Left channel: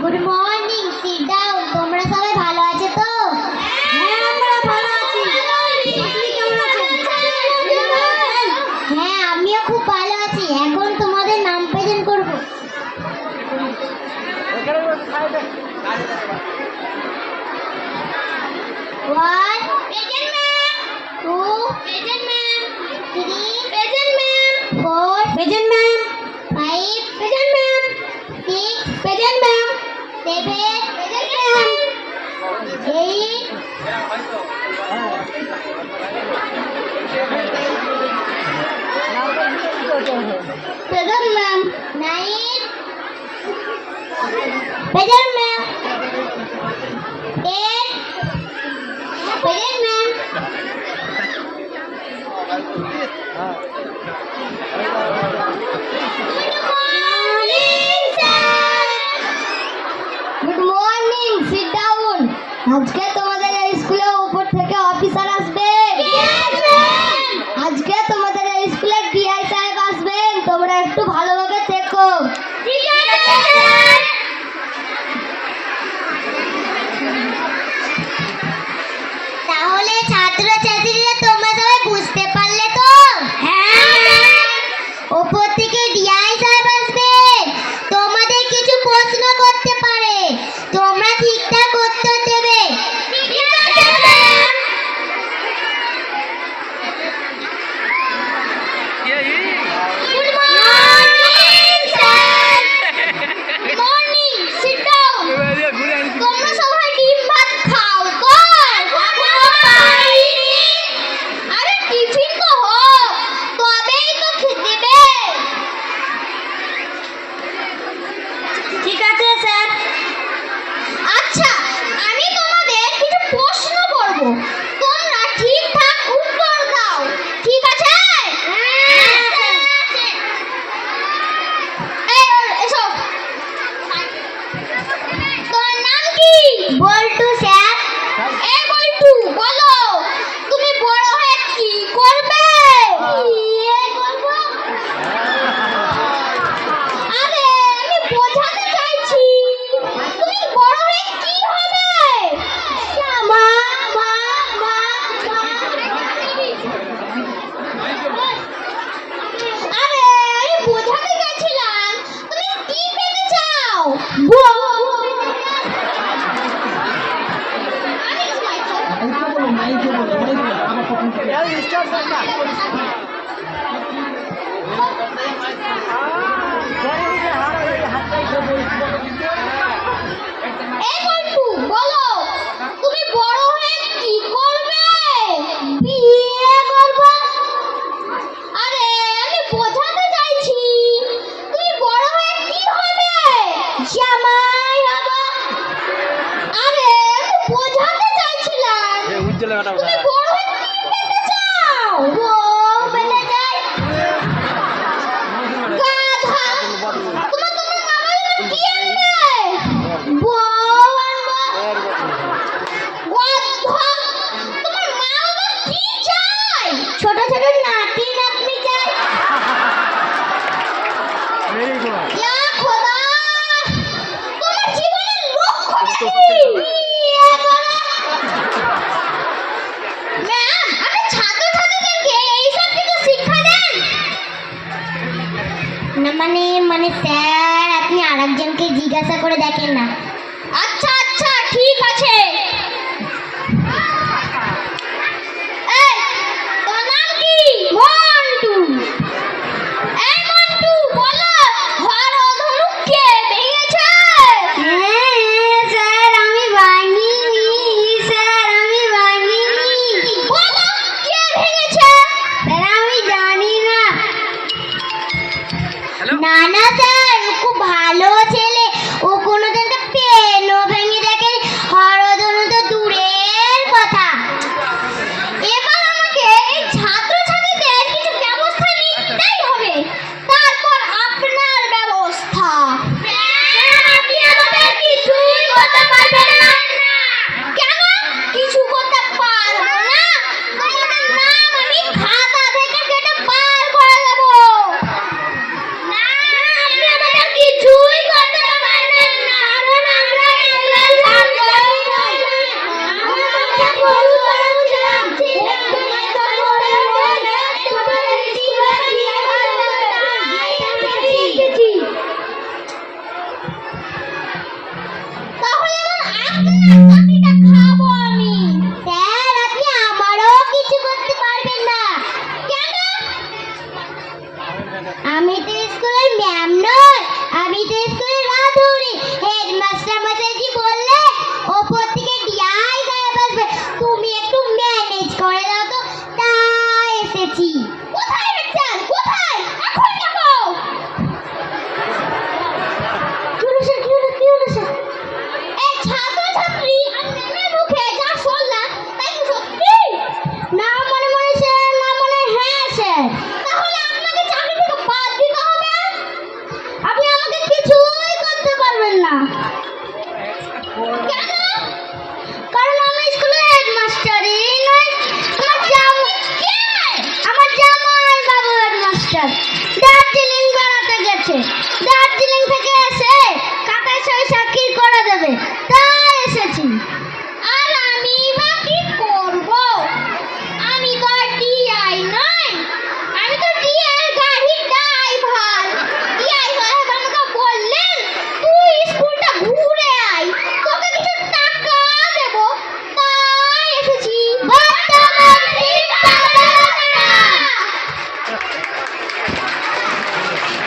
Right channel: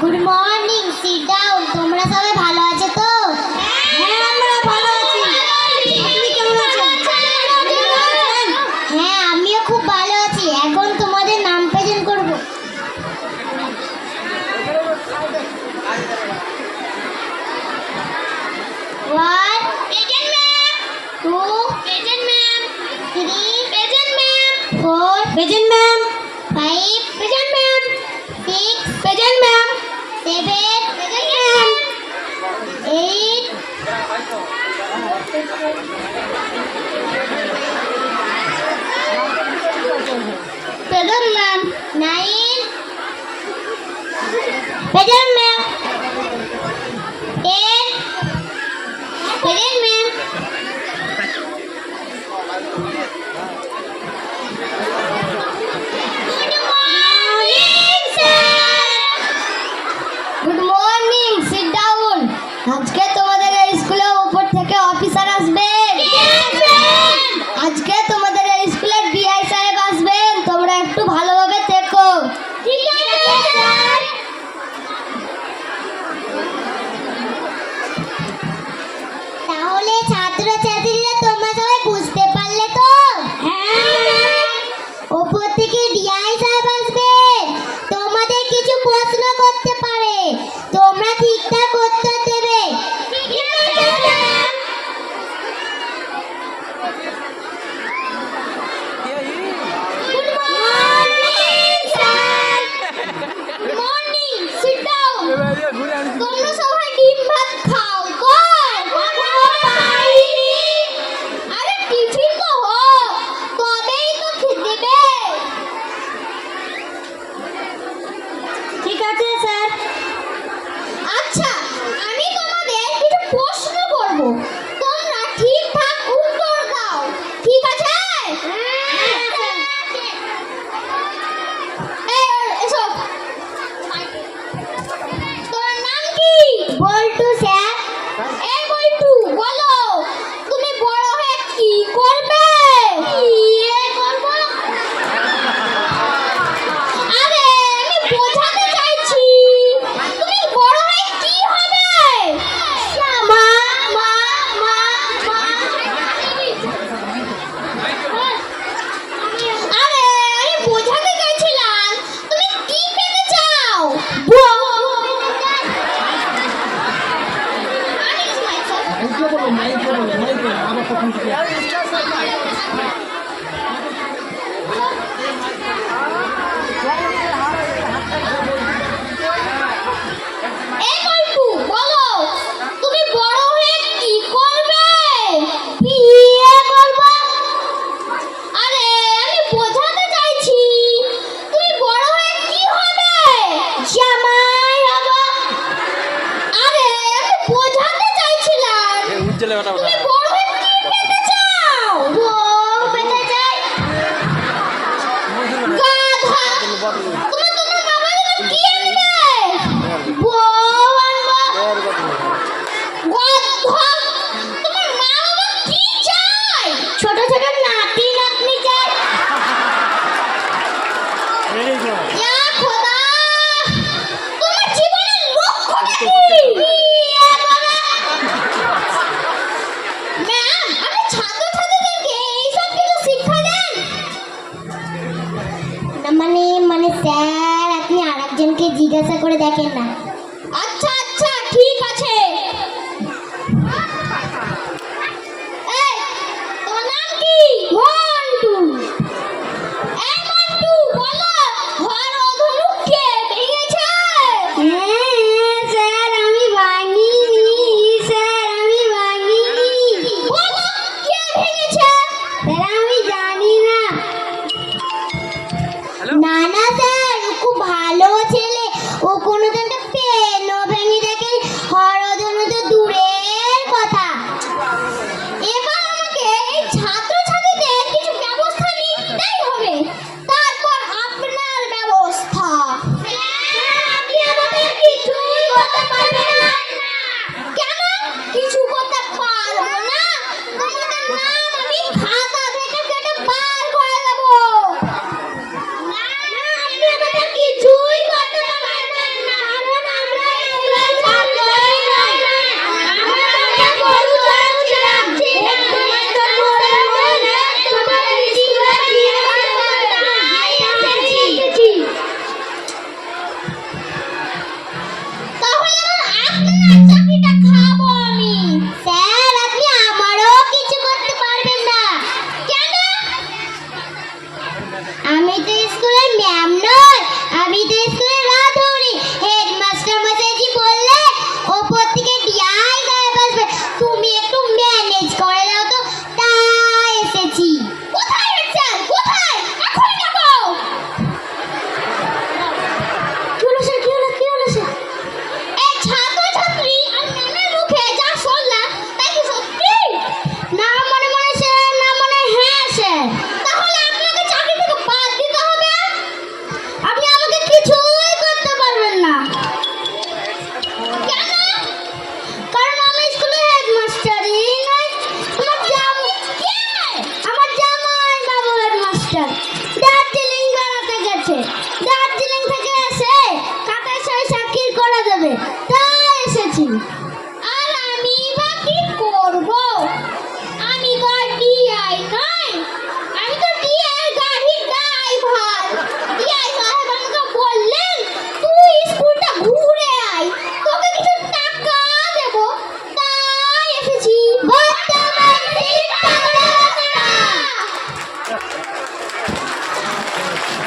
Good morning, sit down. তোমরা সবাই ভালো আছো তো? হ্যাঁ, আমরা ভালো আছি। আপনি কেমন আছেন? হ্যাঁ, আমিও খুব ভালো আছি। এখন তোমাদের নাম প্রেজেন্ট করব। One present ma'am, two present ma'am, three present ma'am, four present ma'am. Five present ma'am, six present ma'am. Seven present ma'am, eight present ma'am, nine present ma'am, ten present ma'am, good morning, sit down. আজকে তোমাদের এই স্কুলে উপর থেকে officer আসবে। আজকে তোমাদের এই স্কুলে ডিআই সাহেব আসবেন। তোমরা একটু ভালোভাবে থেকো। ঠিক আছে স্যার। তাহলে ছাত্রছাত্রীরা তোমরা সবাই বুঝতে পারলে তো? হ্যাঁ। উপর থেকে ডিআই সাহেব আসবে, তোমাদের কিছু প্রশ্ন করতে পারে, তোমরা ঠিকঠাক উত্তর দেবে। ঠিক আছে sir. Good morning sir. Good morning, sit down. তোমরা সবাই ডিম ভাত খাও তো? আরে টিফিন তো হোক, তবেই তো খেতে দেবে। ঠিক আছে স্যার। আচ্ছা, আমি তোমাদের কিছু প্রশ্ন করব, তোমরা ঠিকঠাক উত্তর দাও। ঠিক আছে? এই, এসো। তোমার নাম কি? বল্টু স্যার। এই বল্টু, বলো তুমি বড় হয়ে কি করবে? আরে আমি বোঝাতে চাইছি, তুমি বড় হয়ে কি হবে? মা মা মা আরে আমি বোঝাতে চাইছিলাম তুমি কি পেতে চাও? এই বল্টু, বলো তুমি বড় হয়ে কি করবে? বিয়ে করব। আরে আমি বোঝাতে চাইছি তুমি বড় হয়ে কি হবে? জামাই হব। আরে আমি বোঝাতে চাইছিলাম তুমি বড় হয়ে কি পেতে চাও? বউ পেতে চাই। গাধা। তোমার বাবা যেন কি আনবে? বউ আনবো। গধা। তোমার মা বাবা কি চায়? ছোট ছোট নাতি নাতনি চায়। ইয়া খোদা, তোমার জীবনের লক্ষ্যটা কি? বিয়ে করা। ম্যাম, আপনি ছাত্রছাত্রীদেরকে এইসব কিছু শিক্ষা দেন? না মানে স্যার, আপনি আরেকজনকে জিজ্ঞাসা করে দেখেন না। আচ্ছা আচ্ছা, ঠিক আছে। এই, তোমার নাম কি? মন্টু। এই মন্টু, বলো ঘর অধরু কে ভেঙেছে? স্যার, আমি ভাঙিনি। স্যার, আমি ভাঙিনি। বলো কে ভেঙেছে? স্যার, আমি জানি না। না না স্যার, ও খুব ভালো ছেলে, ও কোনোদিন আপনার চাকরিটা খাবো আমি। স্যার, আপনি আমারও কিছু করতে পারবেন না। কেন? আমি তো স্কুলের ম্যাম নই, আমি তো স্কুলের রাঁধুনি। হেডমাস্টার মশাইজি বললে ওপর থেকে ডিআই সাহেব আসবে, তুমি একটু ম্যানেজ করে দাও তো, তাই এসেছি। কোথায় আছেন? কোথায়? এখন যাবো। কি হলো স্যার? কি হলো? এই ছাত্রছাত্রী